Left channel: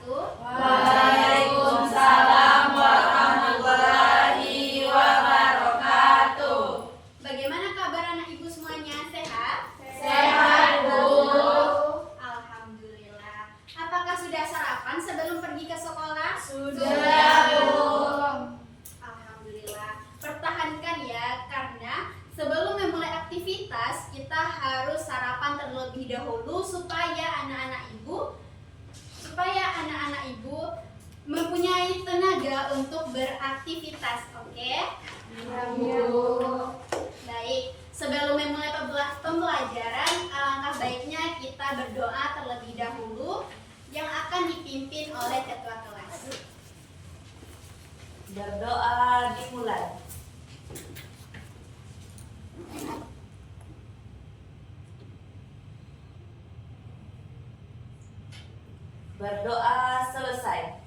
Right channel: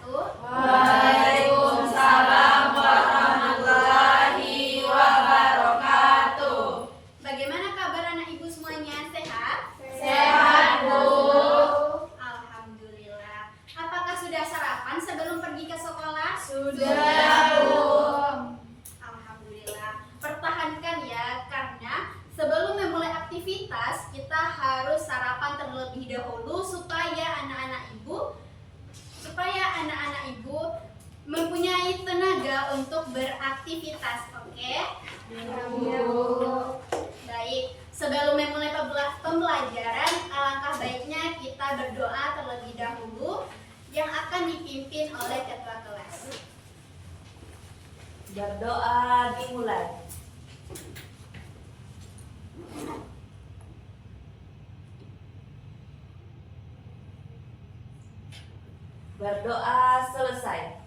wabarakatuh. Waalaikumsalam warahmatullahi wabarakatuh. Bagaimana kabar anak ibu semuanya? Sehat? Sehat, Bu. Alhamdulillah. Apakah sudah sarapan sebelum pergi ke sekolah? Sudah, Bu. Alhamdulillah. Pertahankan ya, karena sebelum memulai aktivitas kita harus sarapan terlebih dahulu supaya anak-anak ibu mempunyai tenaga untuk beraktivitas. Oke? Iya, Bu. Baik, sebelum memulai pembelajaran, alangkah baiknya kita berdoa terlebih dahulu yang akan dipimpin oleh ketua kelas. Berdoa dimulai. Berdoa selesai.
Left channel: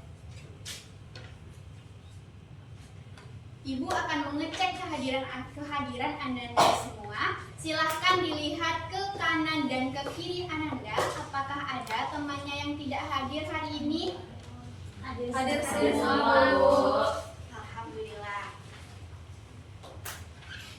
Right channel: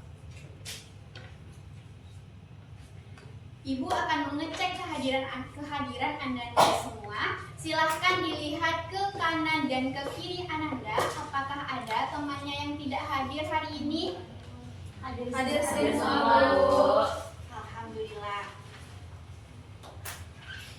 Ibu akan mengecek kehadiran Ananda semua. Silahkan dilihat ke kanan dan ke kiri Ananda. Apakah ada temannya yang tidak hadir hari ini? Hadir semua, Bu. Alhamdulillah.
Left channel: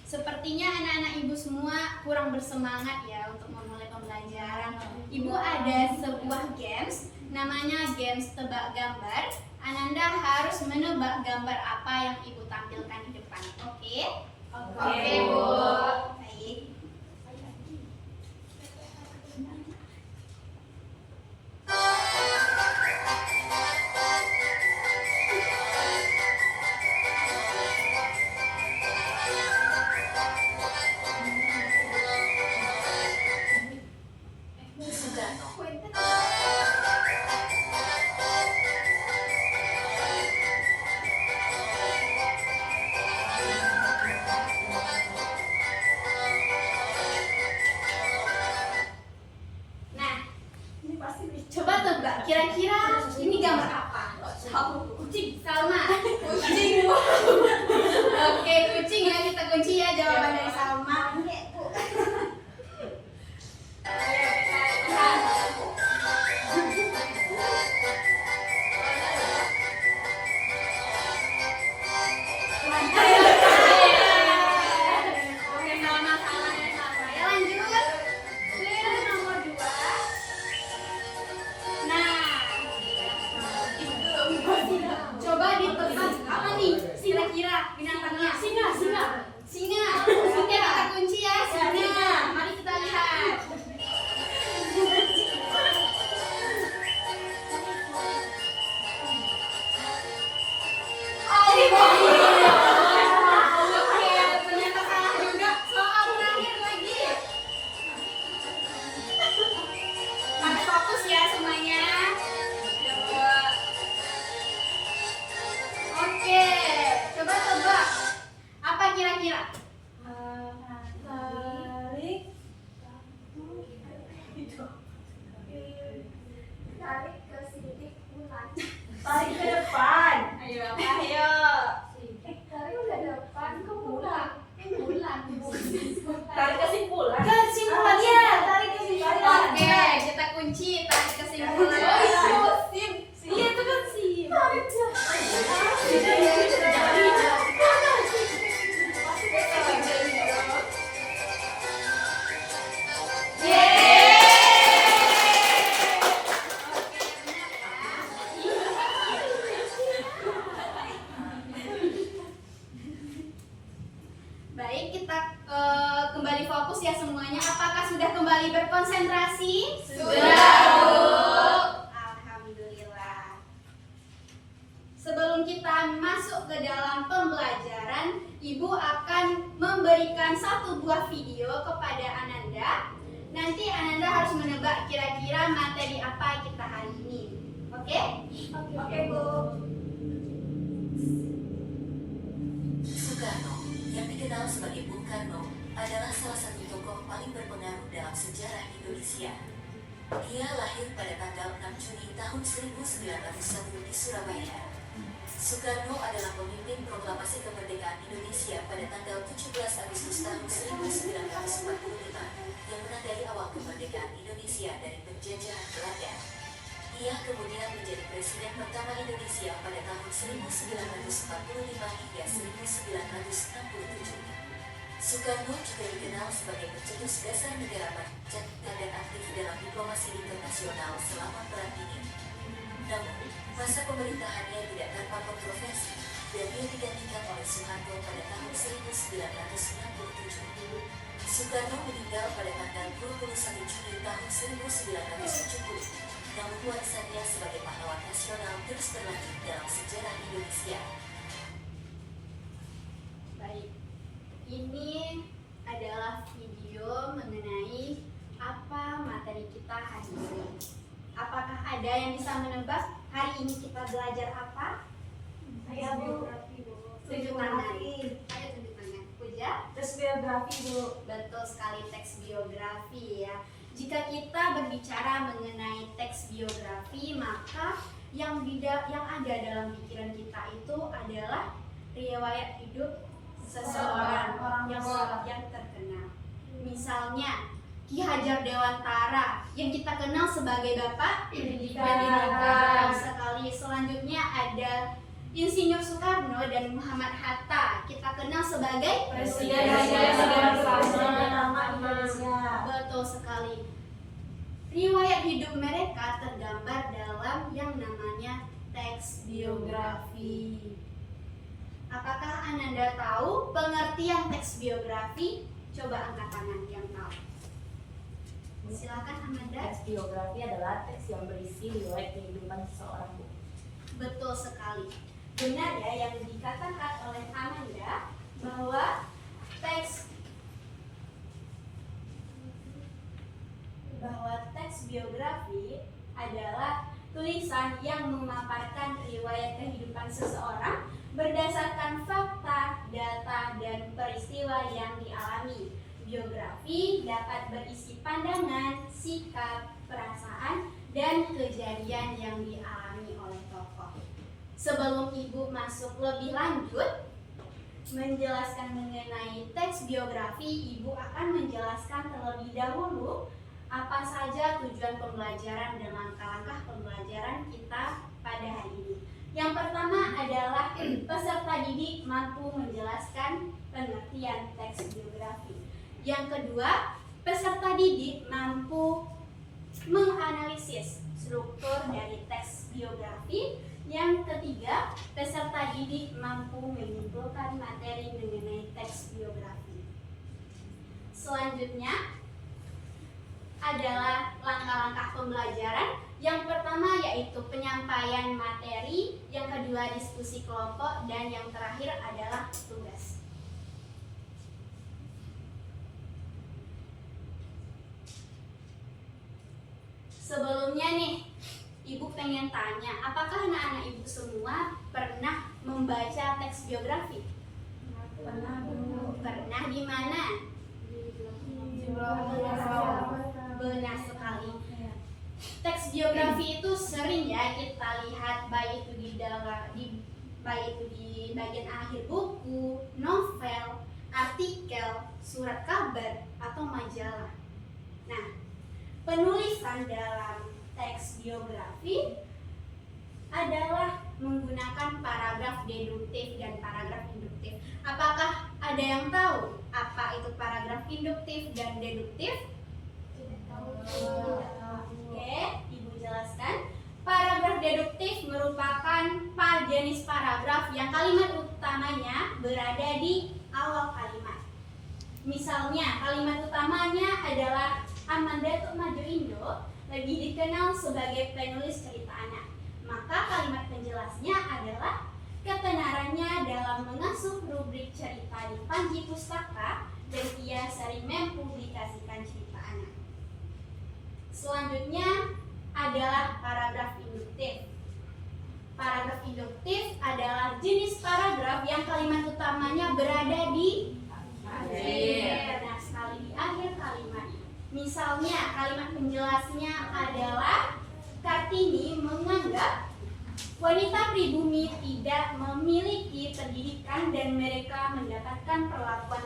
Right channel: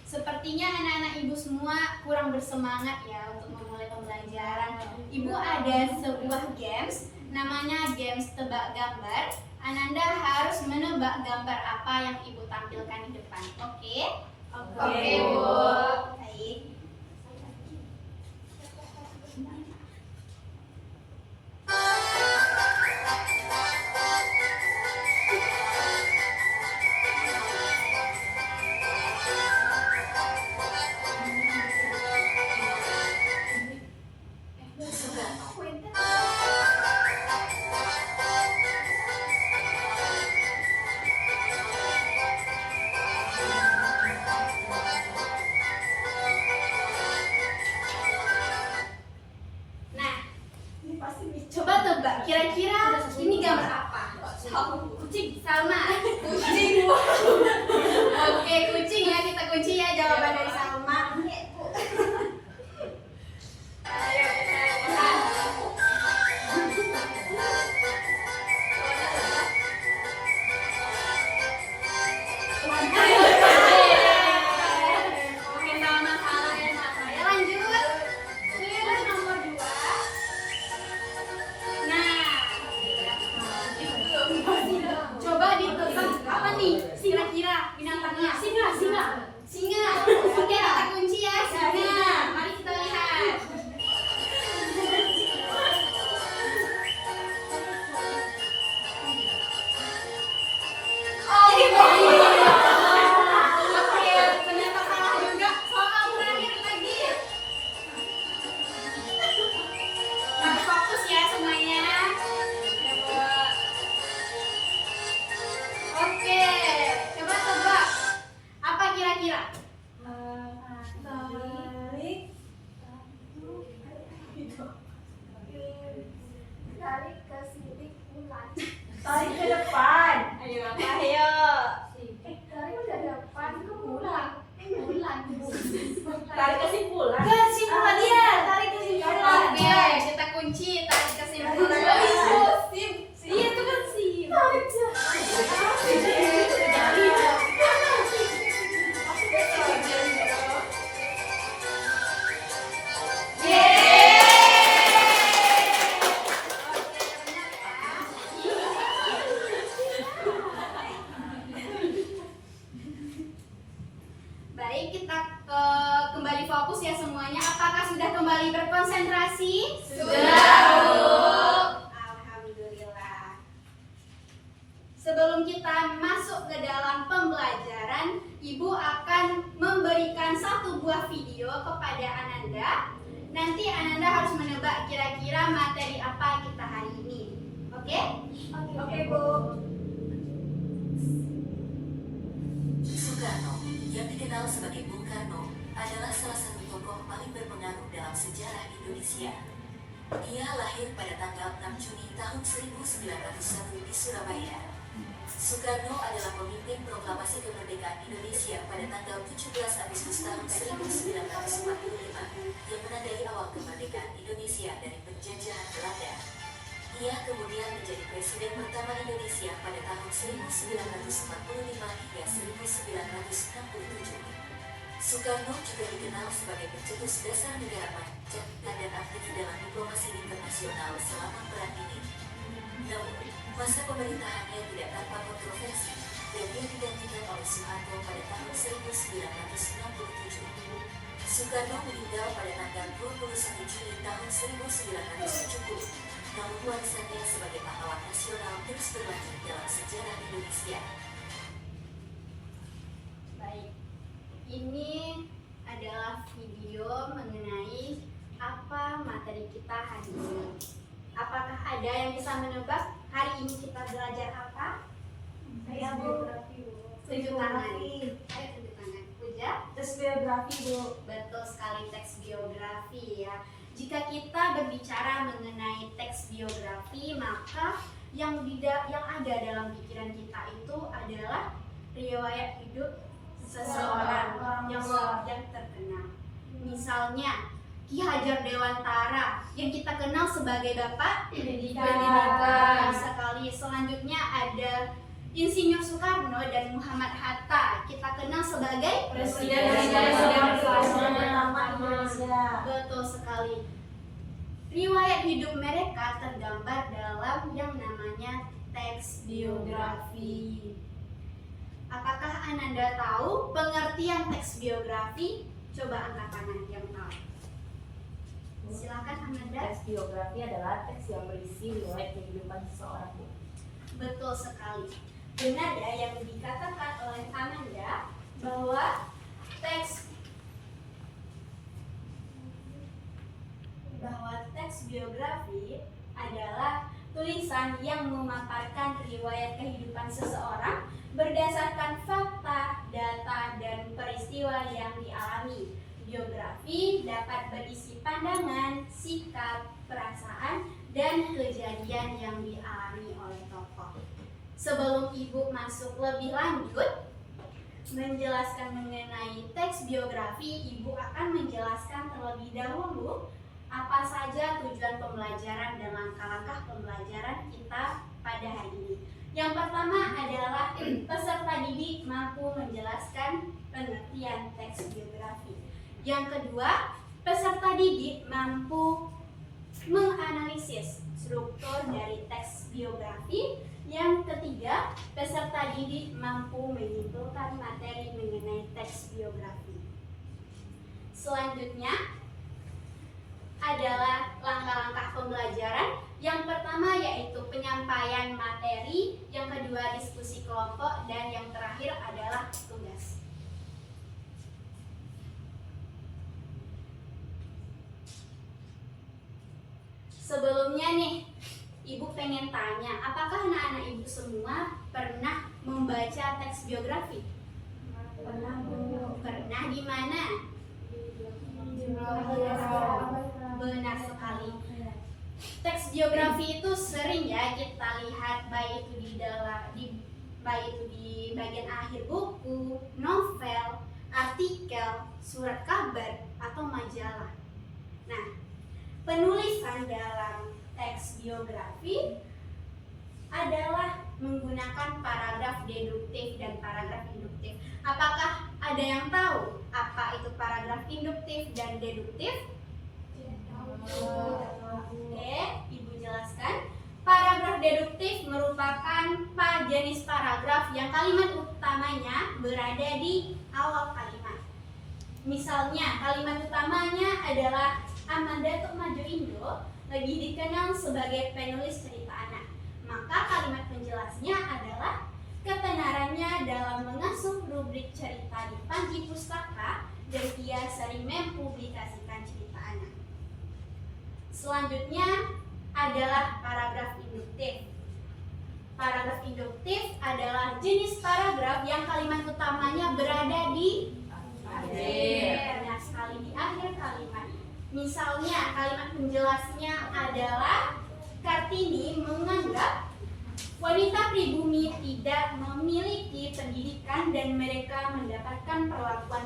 Sepertinya anak-anak ibu semua kurang bersemangat ya untuk memulai pembelajaran. Ibu ada sebuah games, namanya games tebak gambar. Ananda harus menebak gambar apa yang ibu tampilkan di depan. Oke? Oke, Bu. Baik. Nah, coba tebak, kira-kira ini gambar apa? Kucing. Salma. Kucing. Oke, kucing ya, kita kunci ya jawaban dari Salma. Oke, Salma salah ya, Salma. Ya, lanjut. Nomor 2. Nah, coba ditebak apa nih? Kira-kira binatangnya? Singa. Oke, kita kunci ya. Singa. Mari kita lihat. Oh, oke, ternyata salah juga. Soal terakhir lagi. Mari fokus ya semuanya. Oke, coba tebak. Apa kira-kira? Tarik ke depan. Ayo, ayo. Tarik kesimpulan. Kesimpulan ya, tarik kesimpulan. Oke, kita kunci tarik kesimpulan. Iya, itu kan sim. Baik, kita kembali fokus ya semuanya. Apakah sudah kembali berkonsentrasi? Sudah, Bu. Alhamdulillah. Sebelum kita masuk ke dalam pembelajaran, Ibu akan memberikan satu buah video kepada Ananda. Nanti Ananda harus menebak kira-kira materi apa kita hari ini. Oke? Oke, Bu. Soekarno, yang dikenal sebagai Bung Karno, adalah salah satu tokoh paling berpengaruh dalam sejarah Indonesia. Ia lahir pada tanggal 6 Juni tahun 1901 di Surabaya. Soekarno adalah pemimpin proklamasi kemerdekaan Indonesia pada tanggal 17 Agustus tahun 1945 yang menandai awal kemerdekaan Indonesia dari penjajahan Belanda. Ia kemudian menjadi presiden pertama Indonesia pada tahun 1945 hingga 1967. Soekarno juga dikenal sebagai pencetus dasar negara Pancasila dan aktif dalam diplomasi internasional selama perang dingin. Namun, masa pemerintahannya tidak tanpa kontroversi dan dia digantikan oleh Soeharto pada tahun 1967. Soekarno meninggal pada tanggal 21 Juni tahun 1970, namun warisannya sebagai pahlawan nasional terus berlanjut dalam sejarah Indonesia. Baik, ini adalah video mengenai apa materi kita hari ini. Apakah ada yang bisa menebak hari ini kita belajar apa? Saya Bu. Tunjuk tangan. Ayo tunjuk tangan. Puja? Tes biografi Bu. Betul sekali, teks biografi ya. Jika kita berbicara mengenai teks biografi, maka yang ada dalam pikiran kita itu adalah riwayat hidup seseorang yang terkenal. Misalnya Ki Hajar Dewantara yang kita kenal sebagai Bapak Pendidikan sekali. Selanjutnya ada Insinyur Soekarno dan Muhammad Hatta, kita kenal sebagai Presiden pertama Indonesia. Betul sekali. Riwayat hidup mereka tergambar dalam yang namanya teks biografi. Apakah Ananda tahu pengertian teks biografi? Coba angkat tangan yang tahu. Silakan Ananda. Teks biografi adalah teks yang berisi riwayat kehidupan seseorang Bu. Betul sekali. Benar ya yang dikatakan oleh Ananda bahwa teks biografi adalah tulisan yang memaparkan riwayat kehidupan seseorang berdasarkan fakta, data, dan peristiwa yang dialami. Biografi dapat berisi pandangan, sikap, perasaan, dan kejadian yang dialami oleh tokoh. Sebelum Ibu masuk lebih lanjut menjelaskan mengenai teks biografi, Ibu akan menjelaskan terlebih dahulu apa saja tujuan pembelajaran dan langkah-langkah pembelajaran kita pada hari ini. Yang pertama adalah peserta didik mampu menjelaskan pengertian teks biografi. Yang kedua, peserta didik mampu menganalisis struktur dari teks biografi. Yang ketiga, peserta didik mampu menyimpulkan materi mengenai teks biografi. Selanjutnya adalah langkah-langkah pembelajaran. Yang pertama yaitu penyampaian materi, yang kedua diskusi kelompok, dan yang terakhir adalah tugas. Sebelumnya nih, Ibu pengen tanya, apakah anak-anak Ibu semua pernah membaca teks biografi? Pernah Bu. Pernah di mana? Benar sekali. Teks biografi itu sering ya kita lihat, baik itu di bagian akhir buku, novel, artikel, surat kabar, atau majalah. Nah, penulisan dalam teks biografi adalah menggunakan paragraf deduktif dan paragraf induktif. Apakah ada yang tahu apa itu paragraf induktif dan deduktif? Oke, Ibu jelaskan. Paragraf deduktif merupakan jenis paragraf yang kalimat utamanya berada di awal kalimat. Misalnya, kalimat utamanya adalah Amanda Tukmaju Indo lebih dikenal sebagai penulis cerita anak. Maka kalimat penjelasnya adalah ketenarannya dalam mengasuh rubrik cerita di Panji Pustaka dan ia sering mempublikasikan cerita anak. Selanjutnya adalah paragraf induktif. Paragraf induktif adalah jenis paragraf yang kalimat utamanya berada di akhir. Nah, sekali di akhir kalimat. Misalnya kalimat penjelasnya adalah Kartini menganggap wanita pribumi tidak memiliki pendidikan dan mereka mendapatkan perlakuan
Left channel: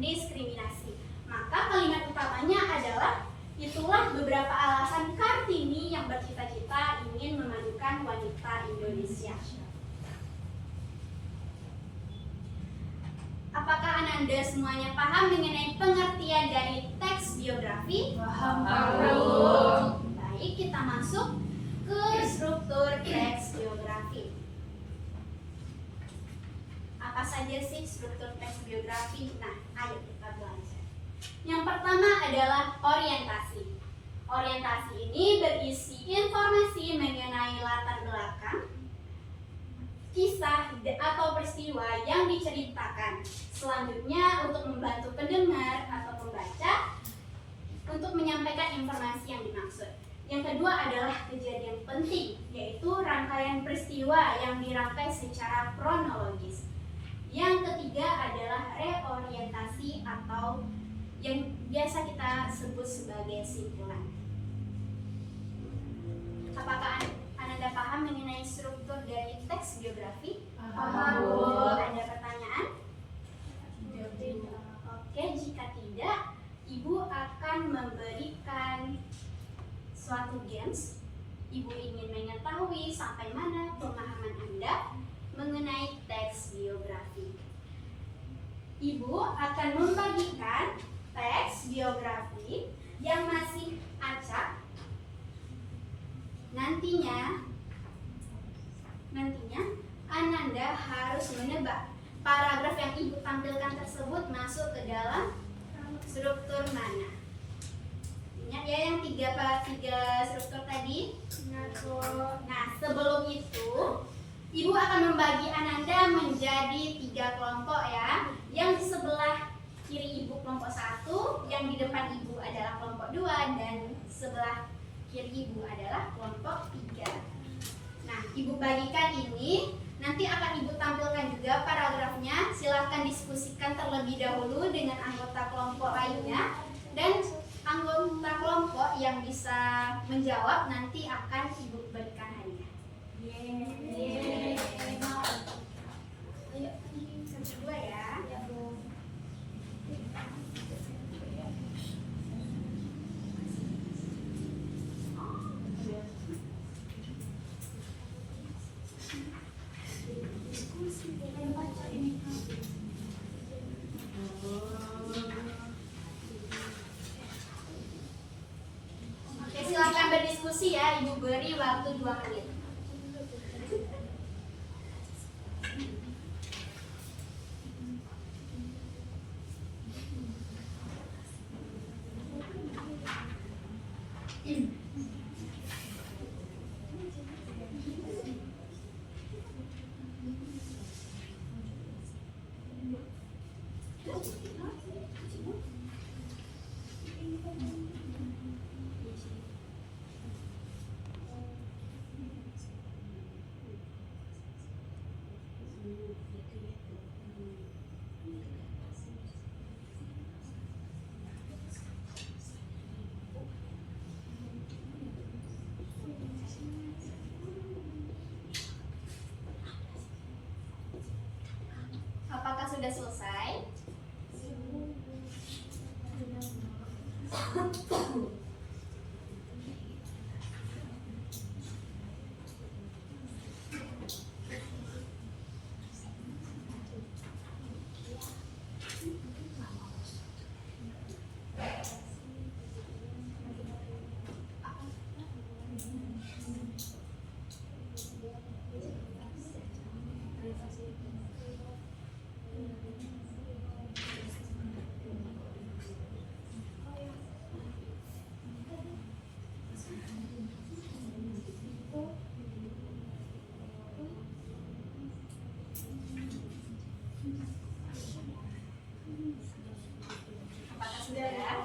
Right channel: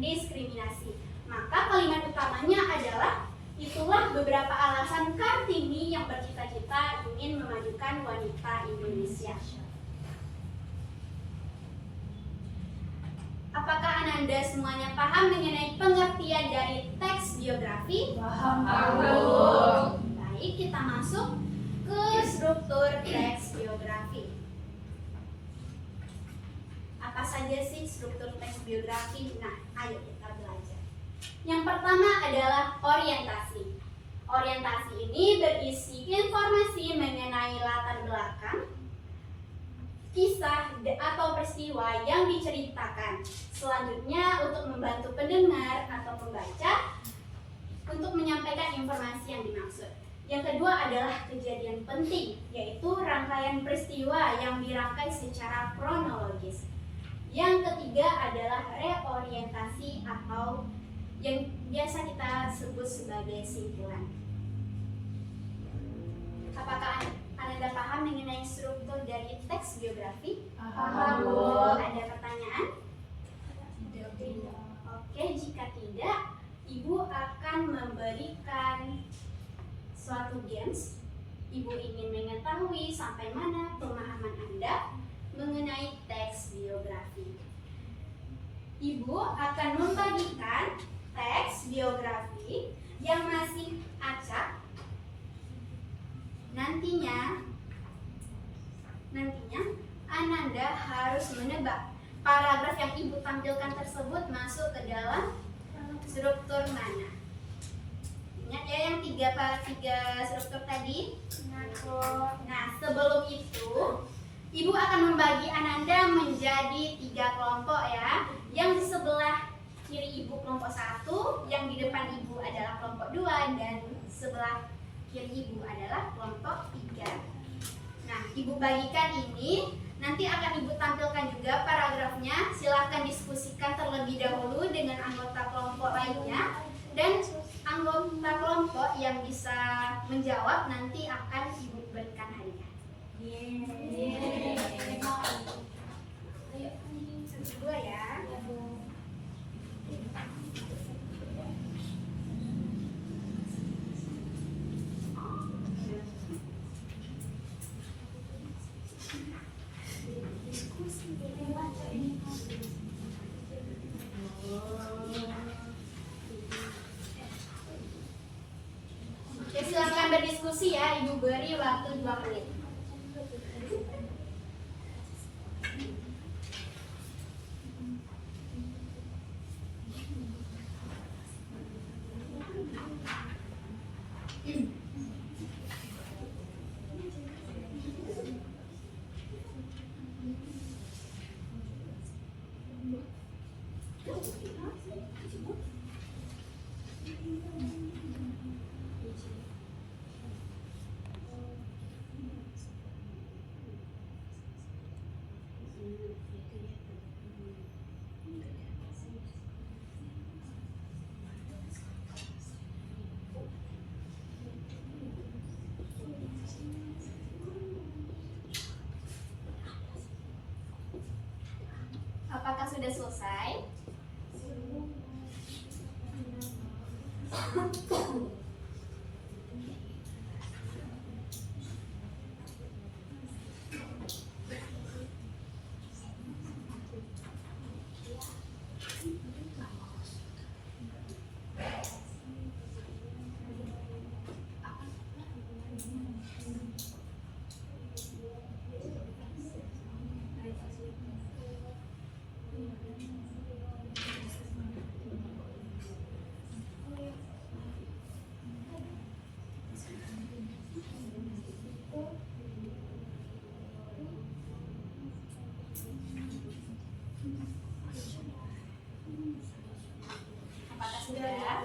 diskriminasi. Maka kalimat utamanya adalah Itulah beberapa alasan Kartini yang bercita-cita ingin memajukan wanita Indonesia. Apakah Ananda semuanya paham mengenai pengertian dari teks biografi? Paham. Baik, kita masuk ke struktur teks biografi. Apa saja sih struktur teks biografi? Nah, ayo kita belajar. Yang pertama adalah orientasi. Orientasi ini berisi informasi mengenai latar belakang, kisah atau peristiwa yang diceritakan. Selanjutnya, untuk membantu pendengar atau pembaca untuk menyampaikan informasi yang dimaksud. Yang kedua adalah kejadian penting, yaitu rangkaian peristiwa yang dirangkai secara kronologis. Yang ketiga adalah reorientasi atau yang biasa kita sebut sebagai simpulan. Apakah Anda paham mengenai struktur dari teks biografi? Paham, Bu. Ada pertanyaan? Oke, jika tidak, Ibu akan memberikan suatu games. Ibu ingin mengetahui sampai mana pemahaman Anda mengenai teks biografi. Ibu akan membagikan teks biografi yang masih acak. Nantinya Ananda harus menebak paragraf yang Ibu tampilkan tersebut masuk ke dalam struktur mana. Ingat ya yang tiga struktur tadi? Nah, sebelum itu Ibu akan membagi Ananda menjadi 3 kelompok ya. Yang di sebelah kiri Ibu kelompok 1, yang di depan Ibu adalah kelompok 2, dan sebelah kiri Ibu adalah kelompok 3. Nah, Ibu bagikan ini, nanti akan Ibu tampilkan juga paragrafnya. Silahkan diskusikan terlebih dahulu dengan anggota kelompok lainnya, dan anggota kelompok yang bisa menjawab nanti akan Ibu berikan hadiah. Kedua ya. Oke, silakan berdiskusi ya. Ibu beri waktu 2 menit. Apakah sudah selesai? Apakah sudah?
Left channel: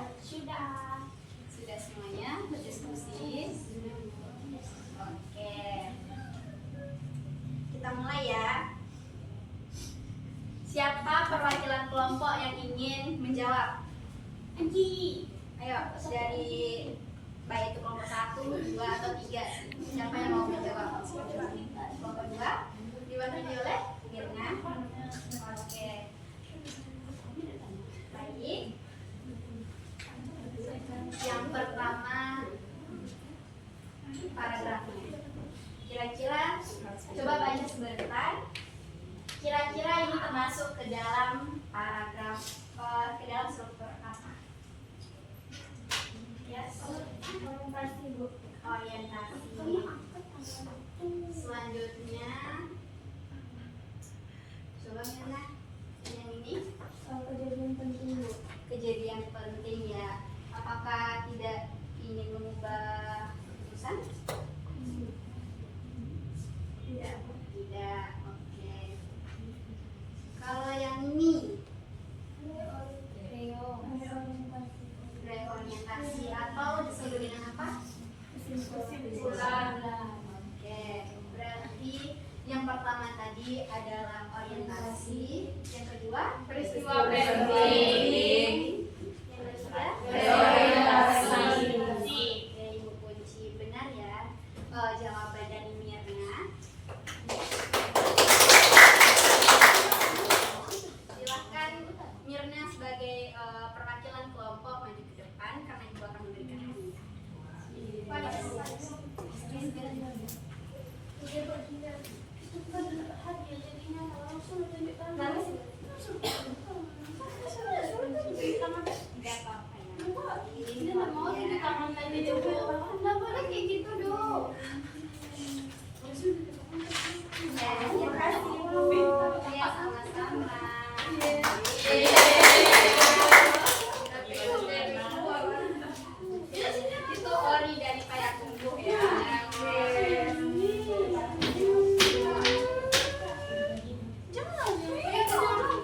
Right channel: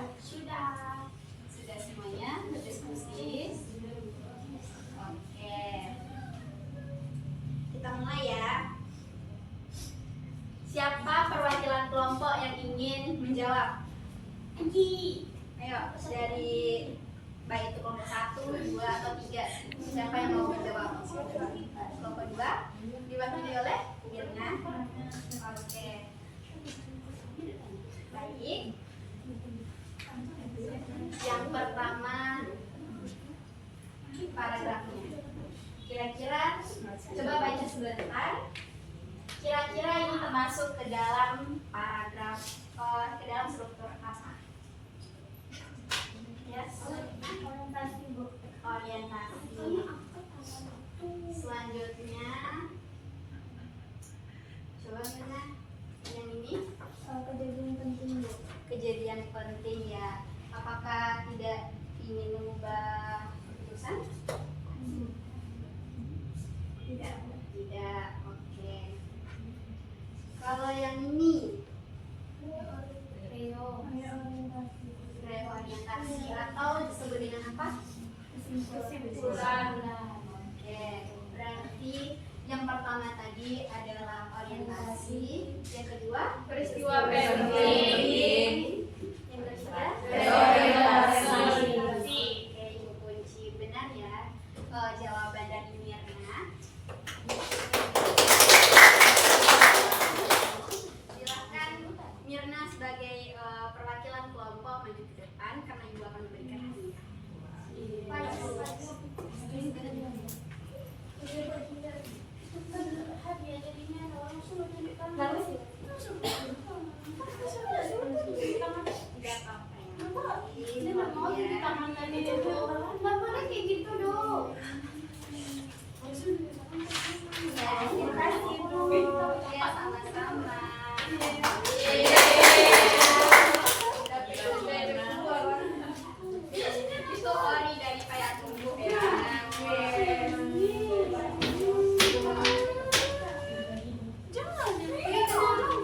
Sudah semuanya berdiskusi? Oke. Kita mulai ya. Siapa perwakilan kelompok yang ingin menjawab? Anggi. Ayo, dari baik itu kelompok 1, 2, atau 3. Siapa yang mau menjawab? Kelompok 2 diwakili oleh Mirna. Oke. Baik. Yang pertama Kira-kira coba baca sebentar. Kira-kira ini termasuk ke dalam paragraf, ke dalam struktur apa? Yes. Orientasi, Bu. Orientasi. Selanjutnya, coba mana? Yang ini? Kejadian penting, Bu. Kejadian penting ya. Apakah tidak ingin mengubah keputusan? Tidak. Tidak. Oke. Kalau yang ini reorientasi atau disebut dengan apa? Kesimpulan. Oke. Berarti yang pertama tadi adalah orientasi, yang kedua Peristiwa penting. yang ketiga Reorientasi. Oke, Ibu kunci benar ya. Jawaban dari Mirna. Silakan Mirna sebagai perwakilan kelompok maju ke depan karena Ibu akan memberikan hadiah. Enggak apa-apa ya. Nggak boleh kayak gitu dong. Ya, terima kasih Bu. Ya, sama-sama. Itu ori dari kayak tumbuh ya.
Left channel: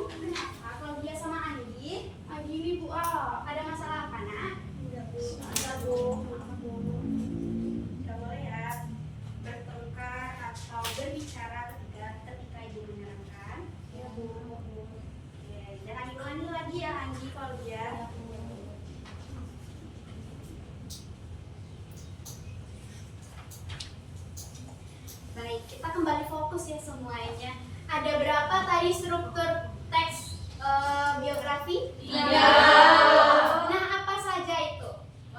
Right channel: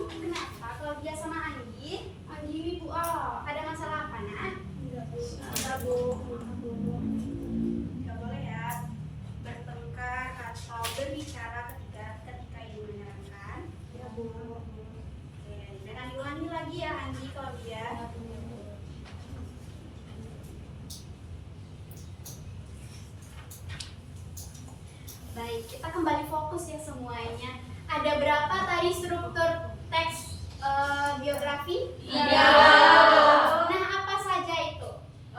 Kenapa? Kalau dia sama Anggi ini Bu, ada masalah apa nak? Tidak boleh ya bertengkar atau berbicara ketika Ibu mendengarkan. Ya, Bu. Oke, jangan diulangi lagi ya Anggi kalau dia. Baik, kita kembali fokus ya semuanya. Ada berapa tadi struktur teks biografi? 3. Nah, apa saja itu?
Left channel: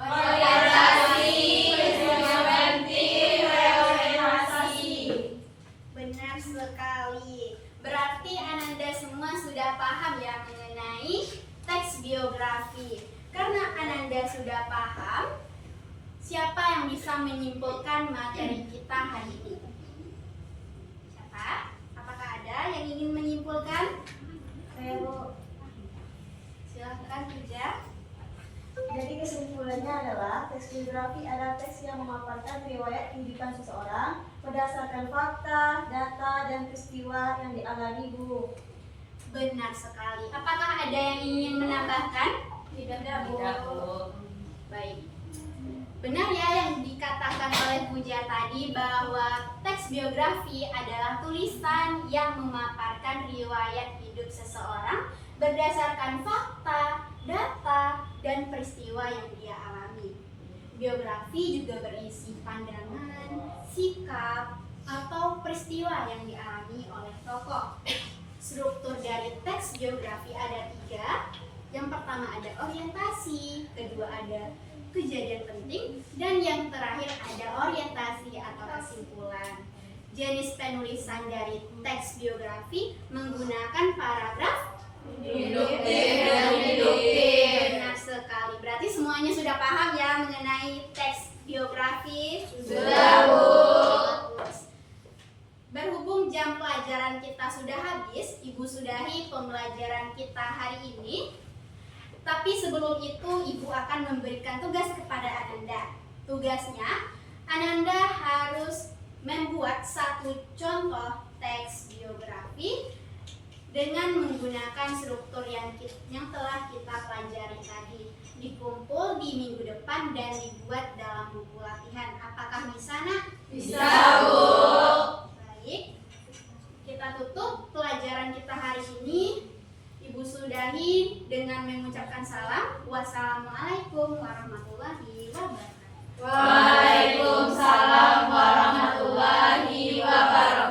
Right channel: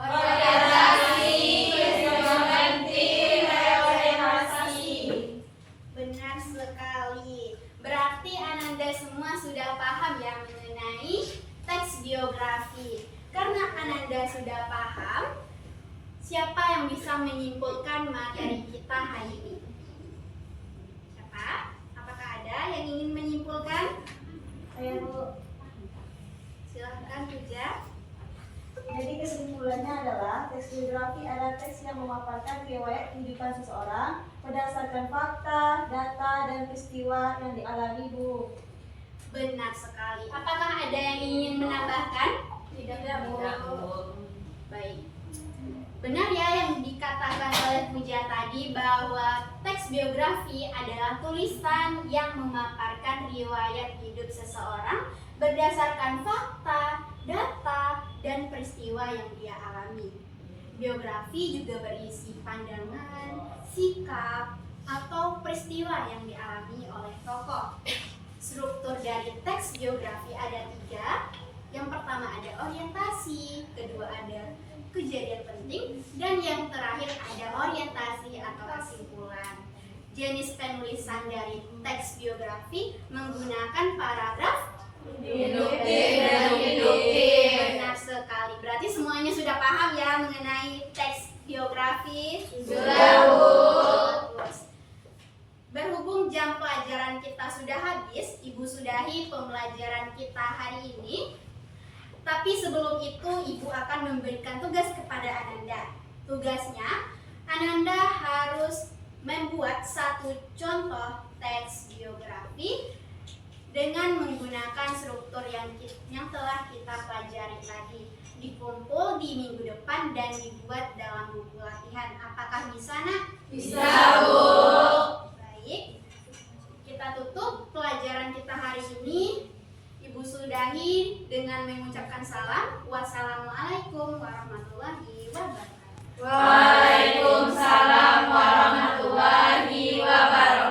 Orientasi, peristiwa penting, reorientasi. Benar sekali. Berarti Ananda semua sudah paham ya mengenai teks biografi. Karena Ananda sudah paham, siapa yang bisa menyimpulkan materi kita hari ini? Siapa? Apakah ada yang ingin menyimpulkan? Saya, Bu. Silahkan Puja. Jadi kesimpulannya adalah teks biografi adalah teks yang memaparkan riwayat kehidupan seseorang berdasarkan fakta, data, dan peristiwa yang dialami, Bu. Benar sekali. Apakah ada yang ingin menambahkan? Tidak, Bu. Baik. Benar ya yang dikatakan oleh Puja tadi bahwa teks biografi adalah tulisan yang memaparkan riwayat hidup seseorang berdasarkan fakta, data, dan peristiwa yang dia alami. Biografi juga berisi pandangan, sikap, atau peristiwa yang dialami oleh tokoh. Struktur dari teks biografi ada 3. Yang pertama ada orientasi, kedua ada kejadian penting, dan yang terakhir ada orientasi atau kesimpulan. Jenis penulisan dari teks biografi menggunakan paragraf Induktif dan deduktif. Benar sekali. Berarti semuanya sudah paham ya mengenai teks biografi? Sudah, Bu. Bagus. Berhubung jam pelajaran kita sudah habis, Ibu sudahi pembelajaran kita hari ini. Tapi sebelum itu Ibu akan memberikan tugas kepada Ananda. Tugasnya, Ananda harus membuat satu contoh teks biografi dengan menggunakan struktur yang telah kita pelajari tadi. Dikumpul di minggu depan dan dibuat dalam buku latihan. Apakah bisa, Nak? Bisa, Bu. Baik. Kita tutup pelajaran kita hari ini. Ibu sudahi dengan mengucapkan salam. Wassalamualaikum warahmatullahi wabarakatuh. Waalaikumsalam warahmatullahi wabarakatuh.